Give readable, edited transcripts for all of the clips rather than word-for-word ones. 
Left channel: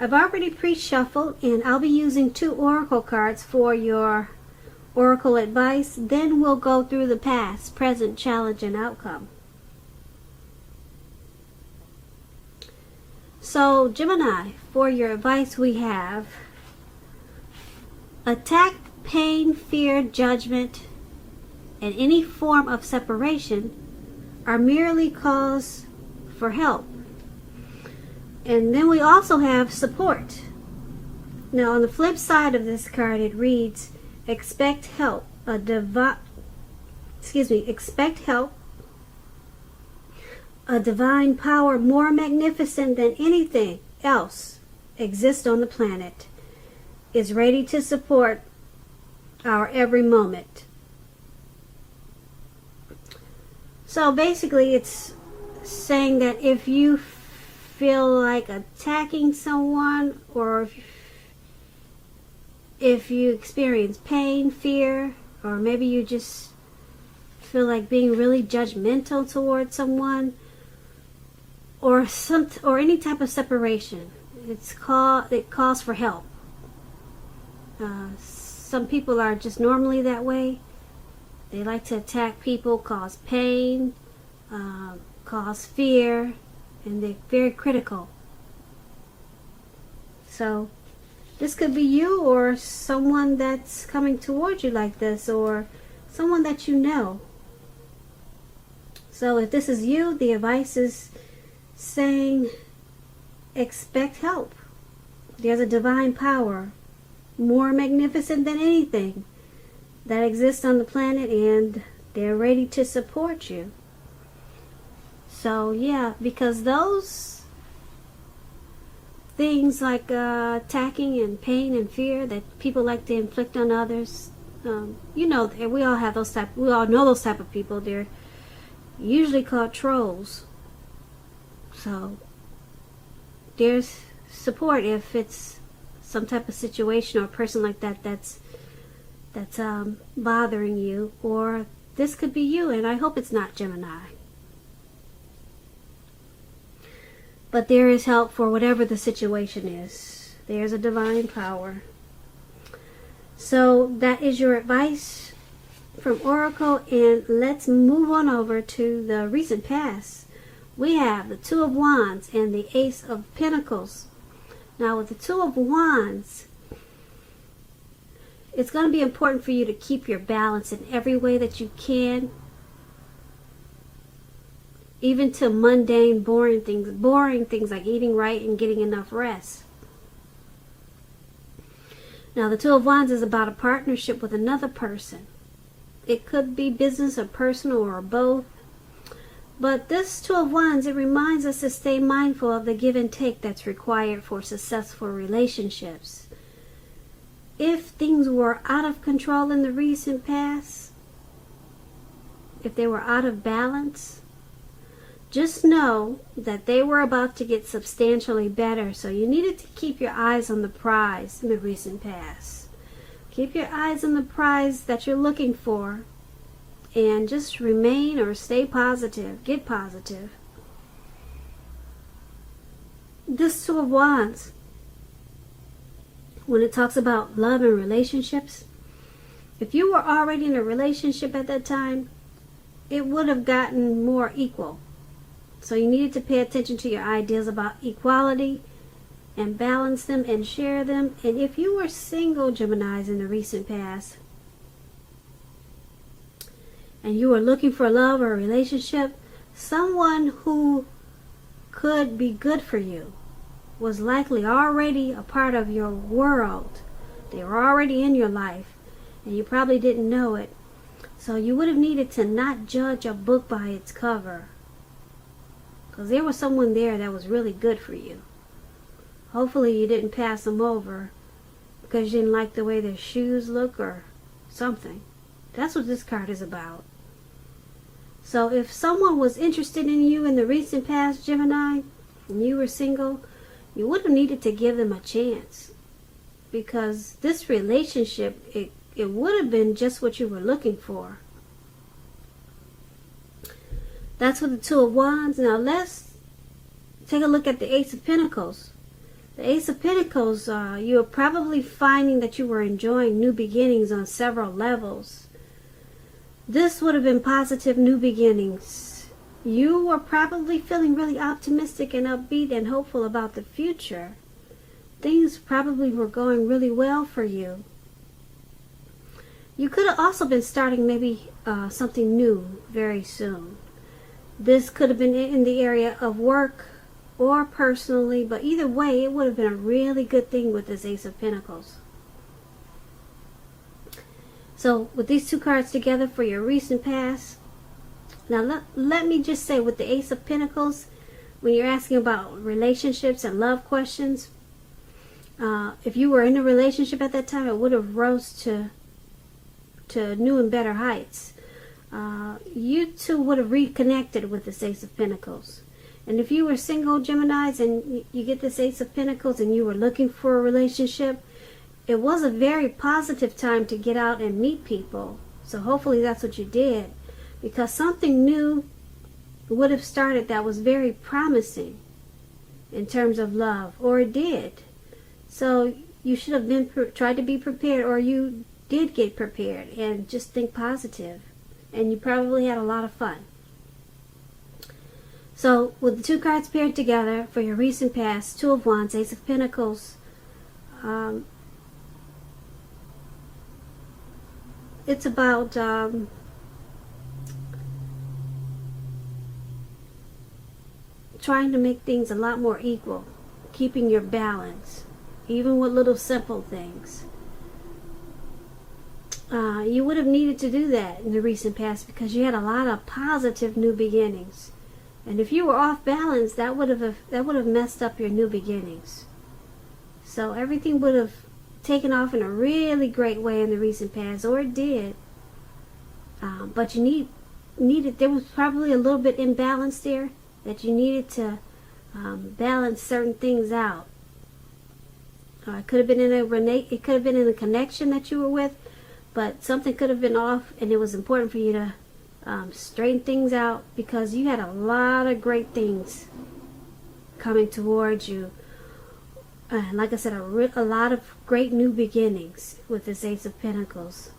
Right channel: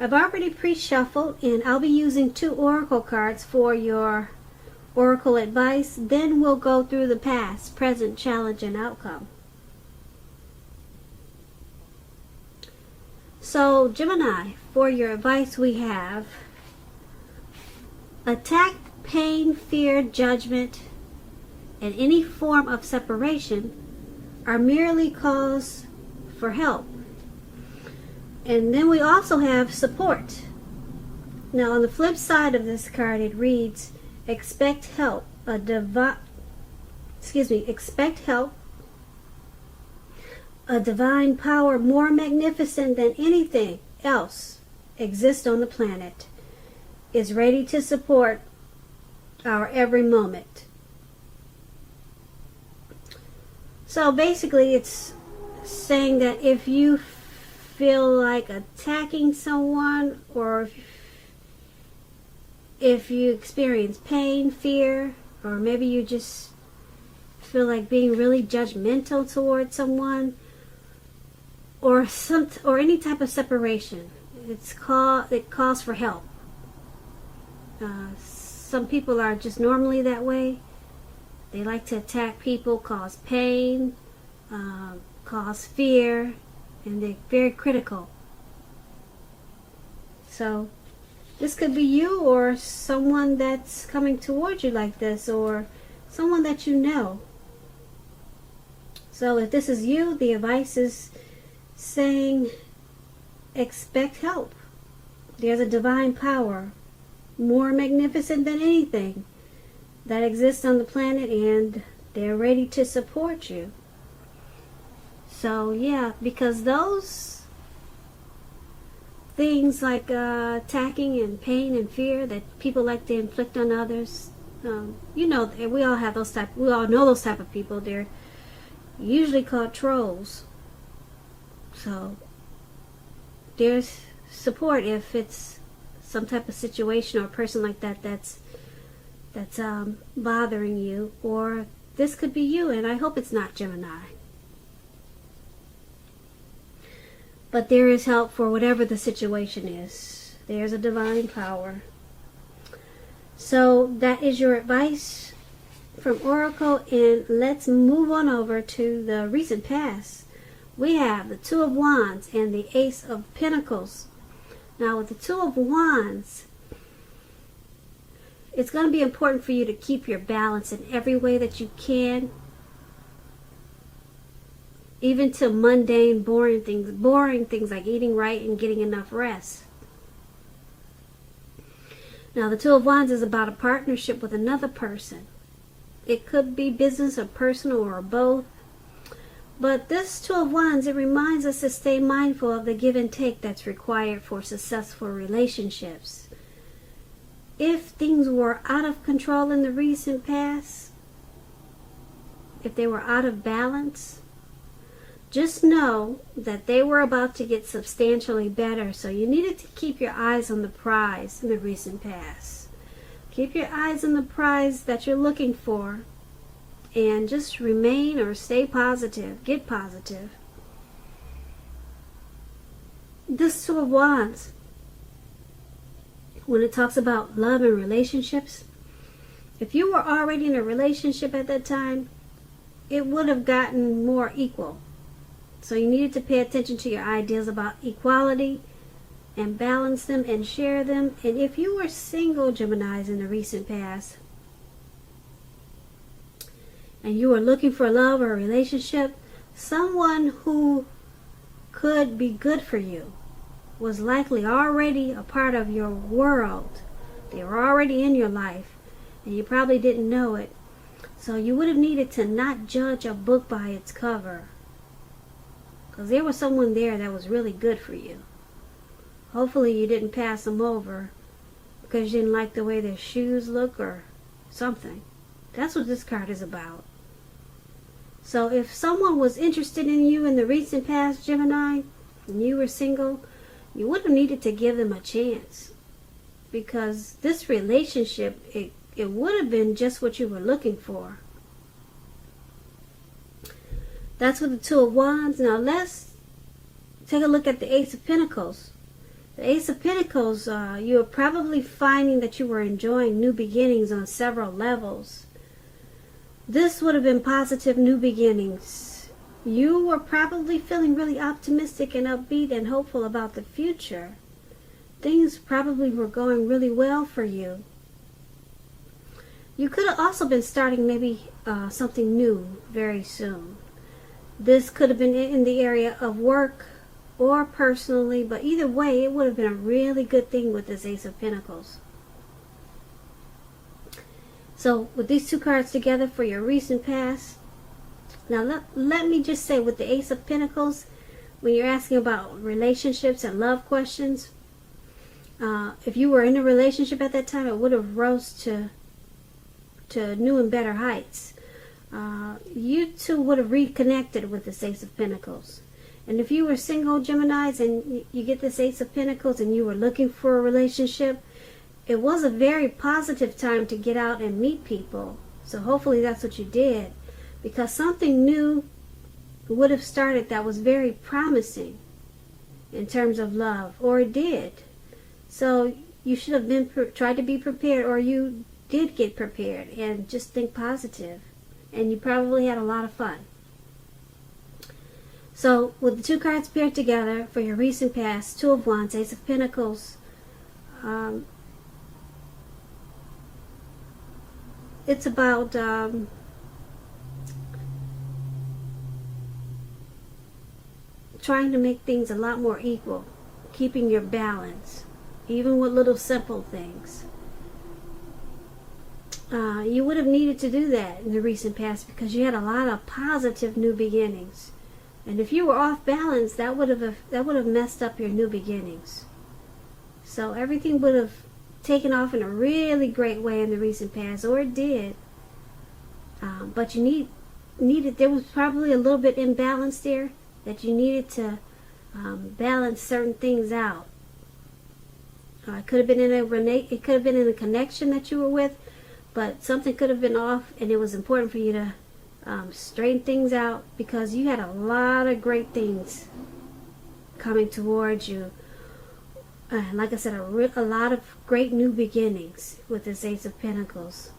I've already pre-shuffled, and I'll be using 2 oracle cards for your oracle advice. Then we'll go through the past, present, challenge, and outcome. So, Gemini, for your advice we have attack, pain, fear, judgment, and any form of separation are merely calls for help. And then we also have support. Now, on the flip side of this card, it reads, expect help. Expect help. A divine power more magnificent than anything else exists on the planet is ready to support our every moment. So basically, it's saying that if you feel like attacking someone, or if you experience pain, fear, or maybe you just feel like being really judgmental towards someone, or any type of separation, it calls for help. Some people are just normally that way. They like to attack people, cause pain, cause fear, and they're very critical. So this could be you, or someone that's coming towards you like this, or someone that you know. So if this is you, the advice is saying expect help. There's a divine power more magnificent than anything that exists on the planet, and they're ready to support you. So yeah, because those things like attacking and pain and fear that people like to inflict on others, we all know those type of people. They're usually called trolls. So there's support if it's some type of situation or a person like that that's bothering you, or this could be you, and I hope it's not Gemini. But there is help for whatever the situation is. There's a divine power. So that is your advice from Oracle, and let's move on over to the recent past. We have the Two of Wands and the Ace of Pentacles. Now with the Two of Wands, it's going to be important for you to keep your balance in every way that you can. Even to mundane, boring things like eating right and getting enough rest. Now, the Two of Wands is about a partnership with another person. It could be business or personal or both. But this Two of Wands, it reminds us to stay mindful of the give and take that's required for successful relationships. If things were out of control in the recent past, if they were out of balance, just know that they were about to get substantially better. So you needed to keep your eyes on the prize in the recent past. Keep your eyes on the prize that you're looking for. And just remain or stay positive. Get positive. This Two of Wands, when it talks about love and relationships, if you were already in a relationship at that time, it would have gotten more equal. So you needed to pay attention to your ideas about equality and balance them and share them. And if you were single, Geminis, in the recent past, and you were looking for love or a relationship, someone who could be good for you was likely already a part of your world. They were already in your life, and you probably didn't know it. So you would have needed to not judge a book by its cover. Because there was someone there that was really good for you. Hopefully you didn't pass them over because you didn't like the way their shoes look or something. That's what this card is about. So if someone was interested in you in the recent past, Gemini, and you were single, you would have needed to give them a chance. Because this relationship, it would have been just what you were looking for. That's with the Two of Wands. Now let's take a look at the Ace of Pentacles. The Ace of Pentacles, you are probably finding that you were enjoying new beginnings on several levels. This would have been positive new beginnings. You were probably feeling really optimistic and upbeat and hopeful about the future. Things probably were going really well for you. You could have also been starting maybe something new very soon. This could have been in the area of work or personally, but either way, it would have been a really good thing with this Ace of Pentacles. So with these two cards together for your recent past, now let me just say with the Ace of Pentacles, when you're asking about relationships and love questions, if you were in a relationship at that time, it would have rose to new and better heights. You two would have reconnected with this Ace of Pentacles. And if you were single Geminis and you get this Ace of Pentacles and you were looking for a relationship, it was a very positive time to get out and meet people. So hopefully that's what you did, because something new would have started that was very promising in terms of love, or it did. So you should have been tried to be prepared, or you did get prepared, and just think positive. And you probably had a lot of fun. So with the two cards paired together for your recent past, Two of Wands, Ace of Pentacles, it's about trying to make things a lot more equal, keeping your balance, even with little simple things. You would have needed to do that in the recent past because you had a lot of positive new beginnings. And if you were off balance, that would have messed up your new beginnings. So everything would have taken off in a really great way in the recent past, or it did. But you needed, there was probably a little bit imbalance there that you needed to balance certain things out. It could have been in a connection that you were with, but something could have been off, and it was important for you to straighten things out, because you had a lot of great things coming towards you. Like I said, a lot of great new beginnings with this Ace of Pentacles.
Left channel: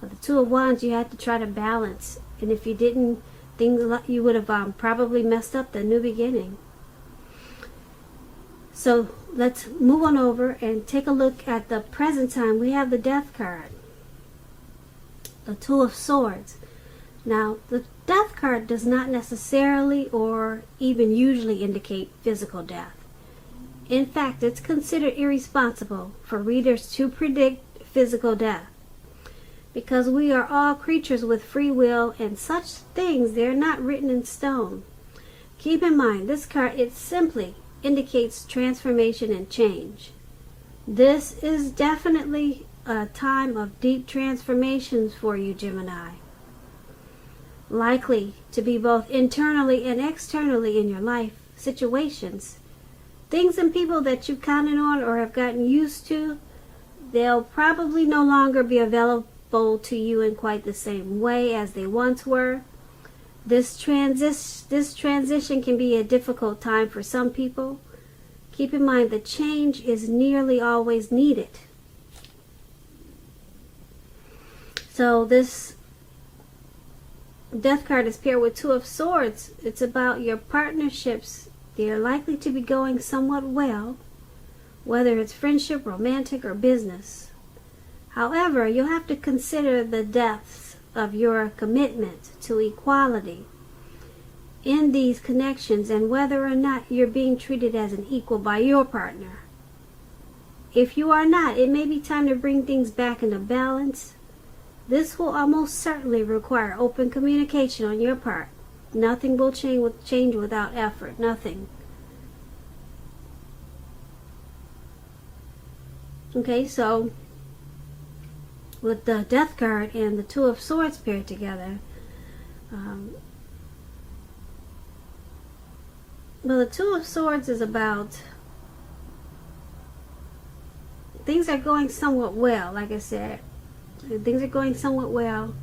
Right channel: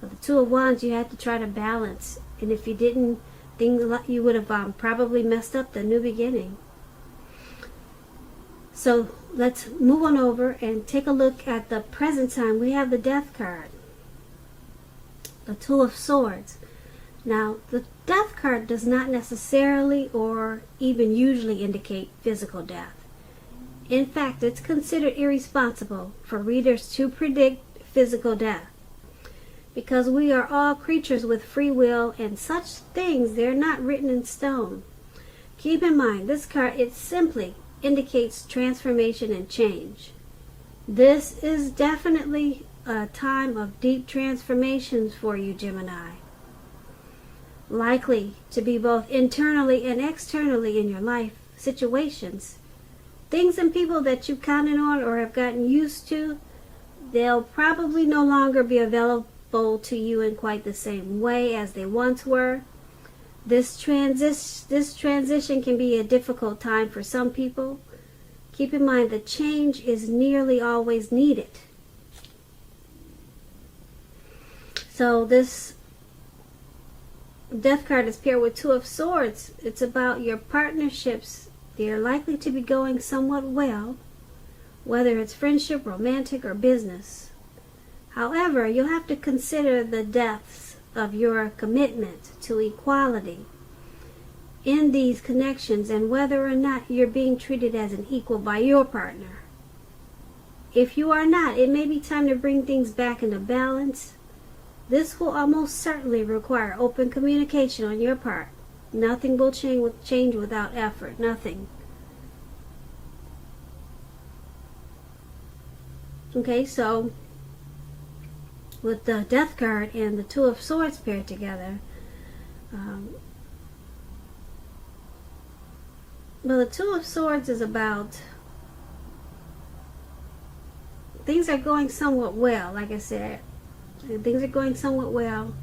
With the Two of Wands, you had to try to balance, and if you didn't, you would have probably messed up the new beginning. So let's move on over and take a look at the present time. We have the Death card, the Two of Swords. Now, the Death card does not necessarily or even usually indicate physical death. In fact, it's considered irresponsible for readers to predict physical death, because we are all creatures with free will, and such things, they're not written in stone. Keep in mind, this card, it simply indicates transformation and change. This is definitely a time of deep transformations for you, Gemini. Likely to be both internally and externally in your life situations. Things and people that you counted on or have gotten used to, they'll probably no longer be available to you in quite the same way as they once were. This transition can be a difficult time for some people. Keep in mind that change is nearly always needed. So this Death card is paired with Two of Swords. It's about your partnerships. They are likely to be going somewhat well, whether it's friendship, romantic, or business. However, you'll have to consider the depths of your commitment to equality in these connections, and whether or not you're being treated as an equal by your partner. If you are not, it may be time to bring things back into balance. This will almost certainly require open communication on your part. Nothing will change without effort. Nothing. Okay, so with the Death card and the Two of Swords paired together, well, the Two of Swords is about things are going somewhat well. Like I said, things are going somewhat well.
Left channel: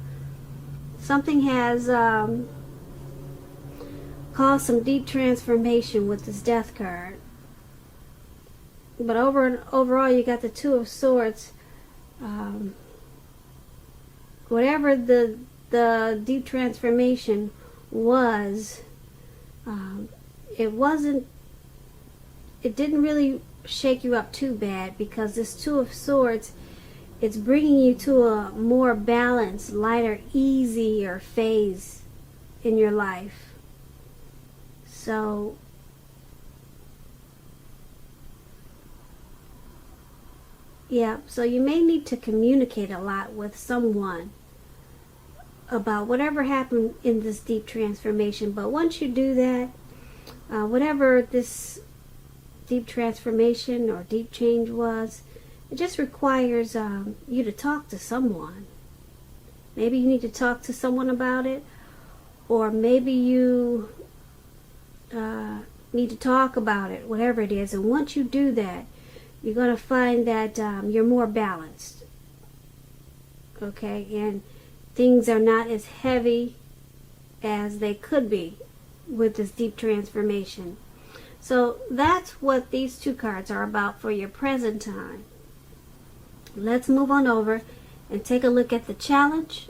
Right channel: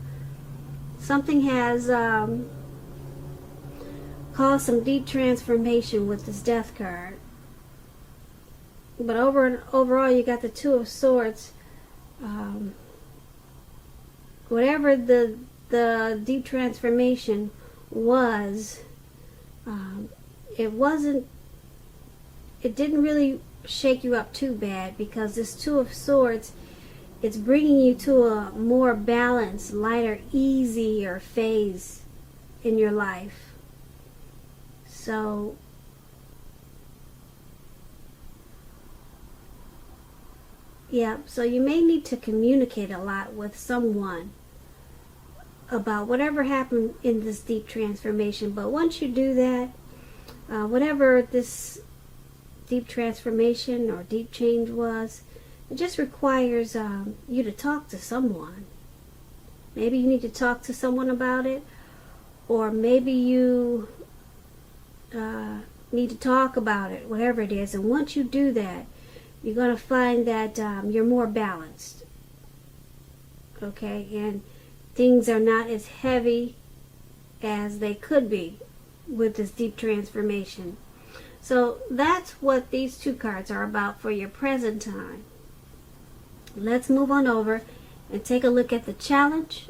Something has caused some deep transformation with this Death card. But overall, you got the Two of Swords. Whatever the deep transformation was, it didn't really shake you up too bad, because this Two of Swords, it's bringing you to a more balanced, lighter, easier phase in your life. So yeah, so you may need to communicate a lot with someone about whatever happened in this deep transformation. But once you do that, whatever this deep transformation or deep change was, it just requires you to talk to someone. Maybe you need to talk to someone about it, or maybe you need to talk about it, whatever it is. And once you do that, you're going to find that you're more balanced. Okay? And things are not as heavy as they could be with this deep transformation. So that's what these two cards are about for your present time. Let's move on over and take a look at the challenge.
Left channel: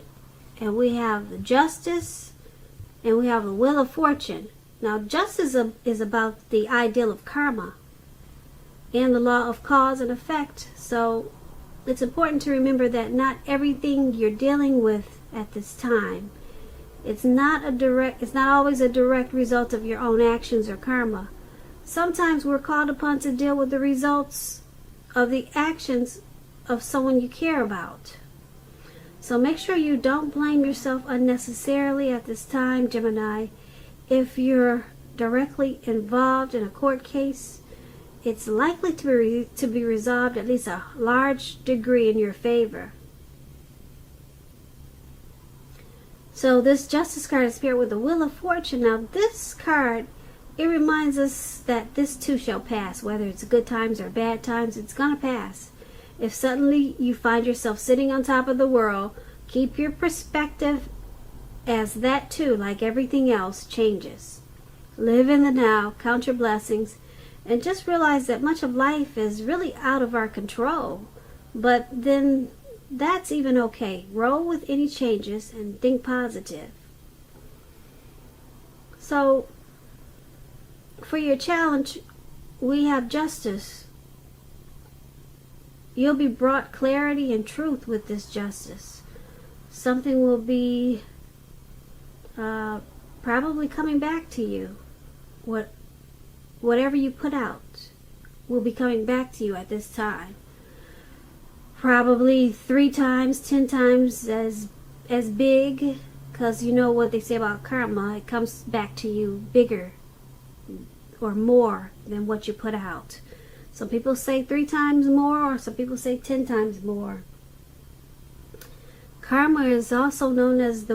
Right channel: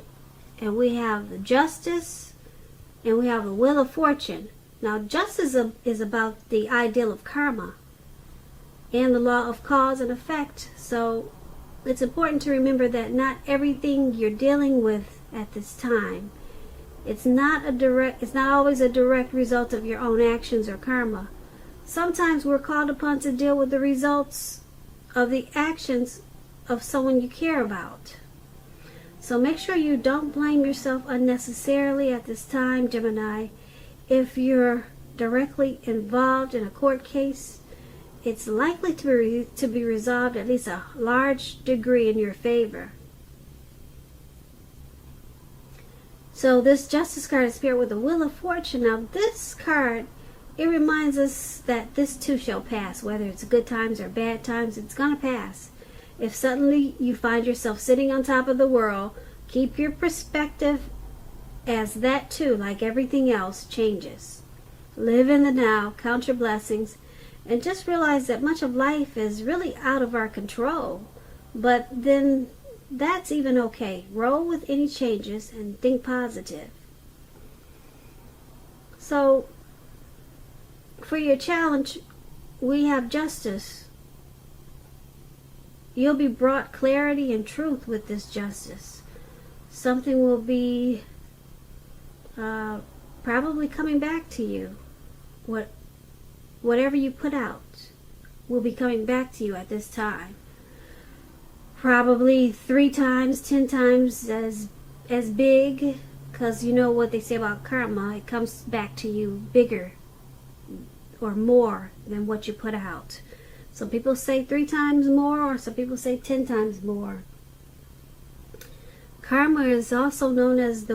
And we have the Justice, and we have the Wheel of Fortune. Now, Justice is about the ideal of karma and the law of cause and effect. So it's important to remember that not everything you're dealing with at this time, it's not always a direct result of your own actions or karma. Sometimes we're called upon to deal with the results of the actions of someone you care about. So make sure you don't blame yourself unnecessarily at this time, Gemini. If you're directly involved in a court case, it's likely to be resolved at least a large degree in your favor. So this Justice card is paired with the Wheel of Fortune. Now this card, it reminds us that this too shall pass. Whether it's good times or bad times, it's going to pass. If suddenly you find yourself sitting on top of the world, keep your perspective as that too, like everything else, changes. Live in the now, count your blessings, and just realize that much of life is really out of our control. But then that's even okay. Roll with any changes and think positive. So for your challenge, we have Justice. You'll be brought clarity and truth with this Justice. Something will be probably coming back to you. Whatever you put out will be coming back to you at this time. Probably 3 times, 10 times as big, because you know what they say about karma. It comes back to you bigger or more than what you put out. Some people say 3 times more, or some people say 10 times more. Karma is also known as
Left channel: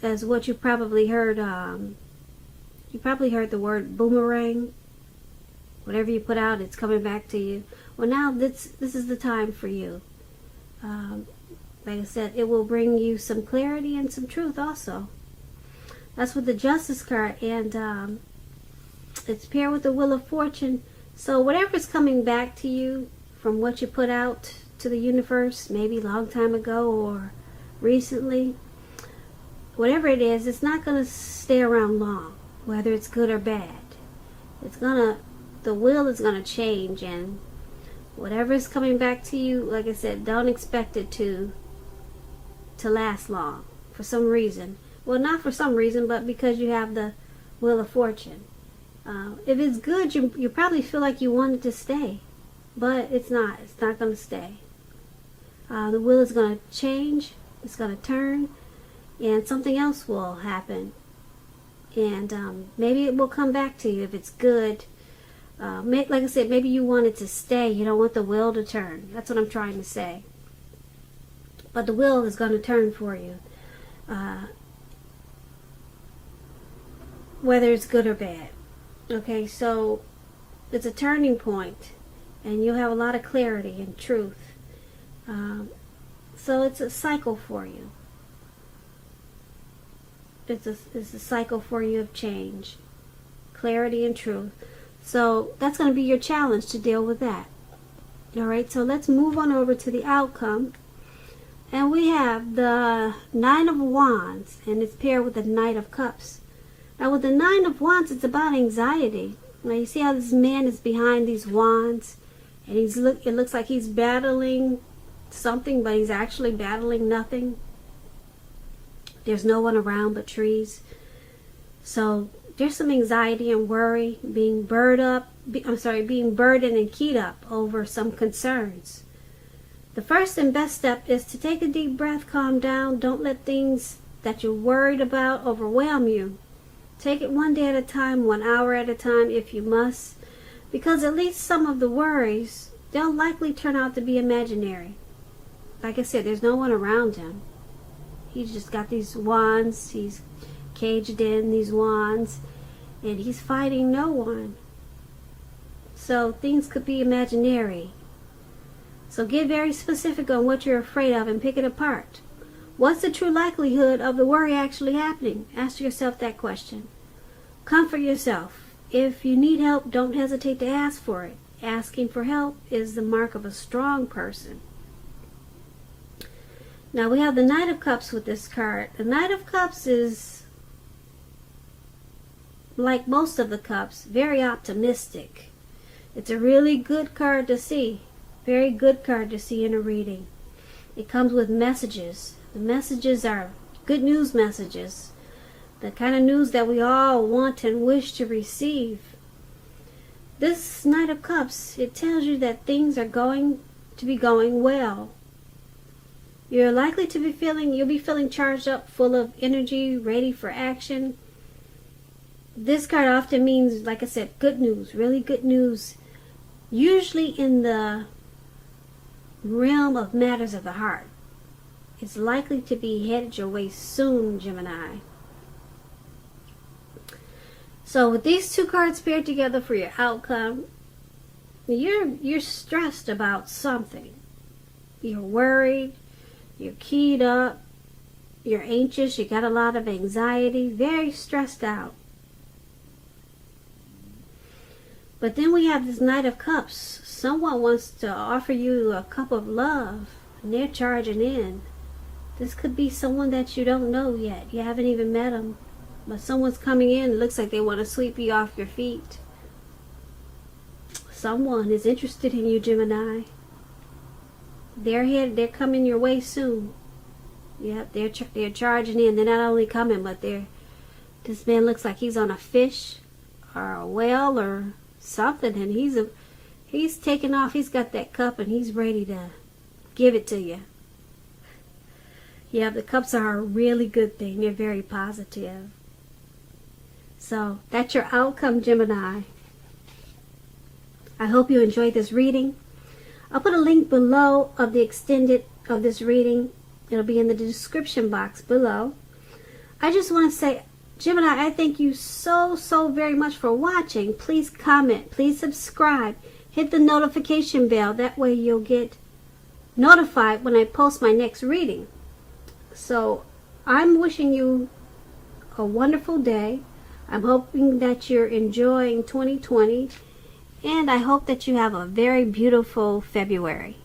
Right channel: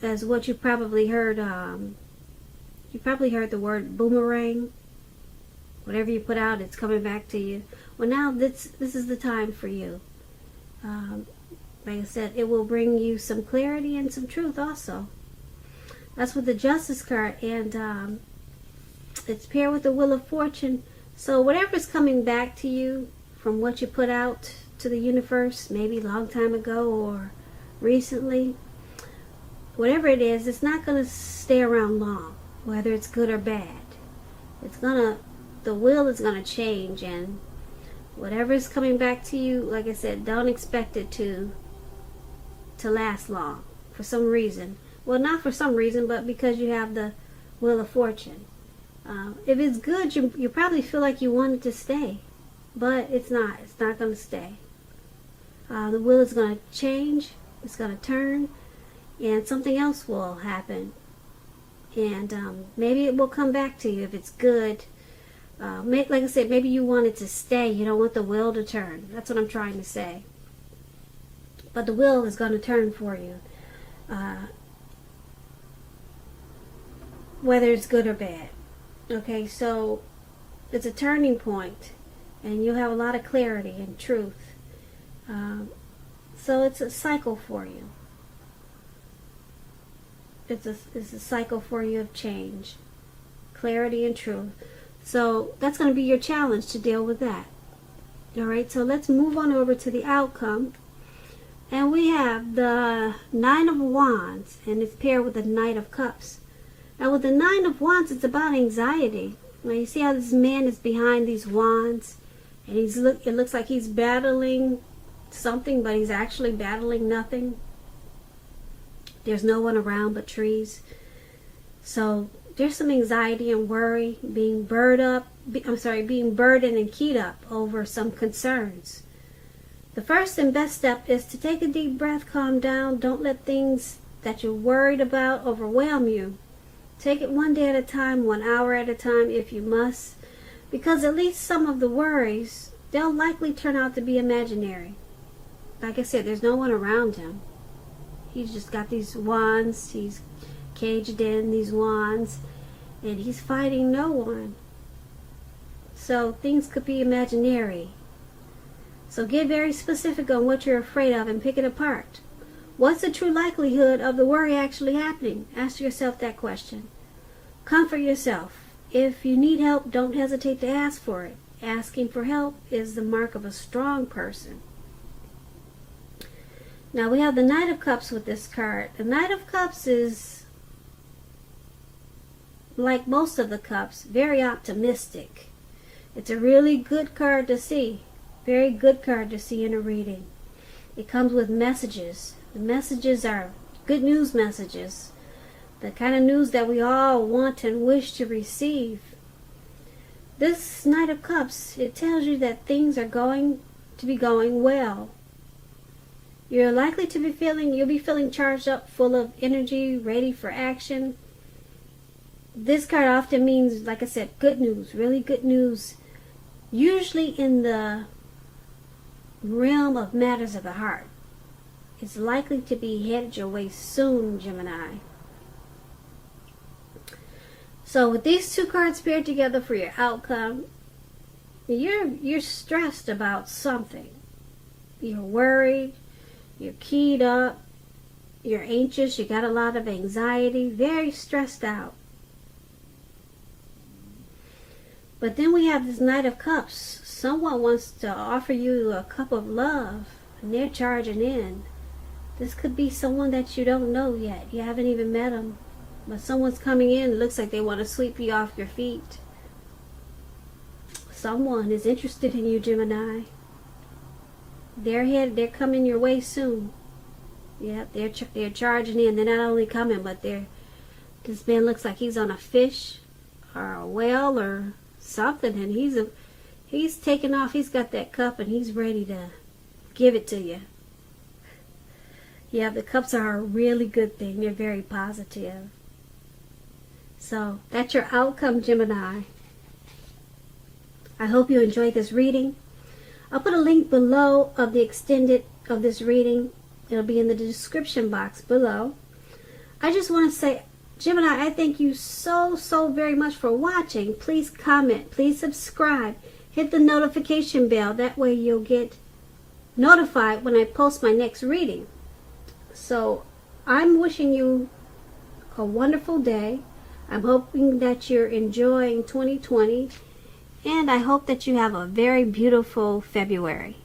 as what you probably heard. You probably heard the word boomerang. Whatever you put out, it's coming back to you. Well, now this is the time for you. Like I said, it will bring you some clarity and some truth also. That's with the Justice card, and it's paired with the Wheel of Fortune. So whatever's coming back to you from what you put out to the universe, maybe a long time ago or recently, whatever it is, it's not going to stay around long, whether it's good or bad. The wheel is going to change, and whatever is coming back to you, like I said, don't expect it to last long for some reason. Well, not for some reason, but because you have the Wheel of Fortune. If it's good, you probably feel like you want it to stay, but it's not. It's not going to stay. The wheel is going to change. It's going to turn, and something else will happen. And maybe it will come back to you if it's good. Like I said, maybe you want it to stay. You don't want the wheel to turn. That's what I'm trying to say. But the wheel is going to turn for you, whether it's good or bad. Okay, so it's a turning point, and you'll have a lot of clarity and truth. So it's a cycle for you. It's a cycle for you of change, clarity and truth. So that's going to be your challenge to deal with that. All right, so let's move on over to the outcome. And we have the Nine of Wands, and it's paired with the Knight of Cups. Now with the Nine of Wands, it's about anxiety. Now you see how this man is behind these wands, and it looks like he's battling something, but he's actually battling nothing. There's no one around but trees. So there's some anxiety and worry, being burdened and keyed up over some concerns. The first and best step is to take a deep breath, calm down. Don't let things that you're worried about overwhelm you. Take it one day at a time, 1 hour at a time if you must, because at least some of the worries, they'll likely turn out to be imaginary. Like I said, there's no one around him. He's just got these wands. He's caged in these wands, and he's fighting no one. So things could be imaginary. So get very specific on what you're afraid of and pick it apart. What's the true likelihood of the worry actually happening? Ask yourself that question. Comfort yourself. If you need help, don't hesitate to ask for it. Asking for help is the mark of a strong person. Now we have the Knight of Cups with this card. The Knight of Cups is, like most of the cups, very optimistic. It's a really good card to see. Very good card to see in a reading. It comes with messages. The messages are good news messages. The kind of news that we all want and wish to receive. This Knight of Cups, it tells you that things are going to be going well. You're likely to be you'll be feeling charged up, full of energy, ready for action. This card often means, like I said, good news, really good news. Usually in the realm of matters of the heart. It's likely to be headed your way soon, Gemini. So with these two cards paired together for your outcome, you're stressed about something. You're worried, you're keyed up, you're anxious, you got a lot of anxiety, very stressed out. But then we have this Knight of Cups. Someone wants to offer you a cup of love, and they're charging in. This could be someone that you don't know yet. You haven't even met them. But someone's coming in. It looks like they want to sweep you off your feet. Someone is interested in you, Gemini. They're coming your way soon. Yeah, they're charging in. They're not only coming, but this man looks like he's on a fish or a whale or something, and he's taking off. He's got that cup and he's ready to give it to you. Yeah, the cups are a really good thing. They're very positive. So that's your outcome, Gemini. I hope you enjoyed this reading. I'll put a link below of the extended of this reading. It'll be in the description box below. I just want to say, Gemini, I thank you so very much for watching. Please comment, please subscribe, hit the notification bell. That way you'll get notified when I post my next reading. So I'm wishing you a wonderful day. I'm hoping that you're enjoying 2020, and I hope that you have a very beautiful February.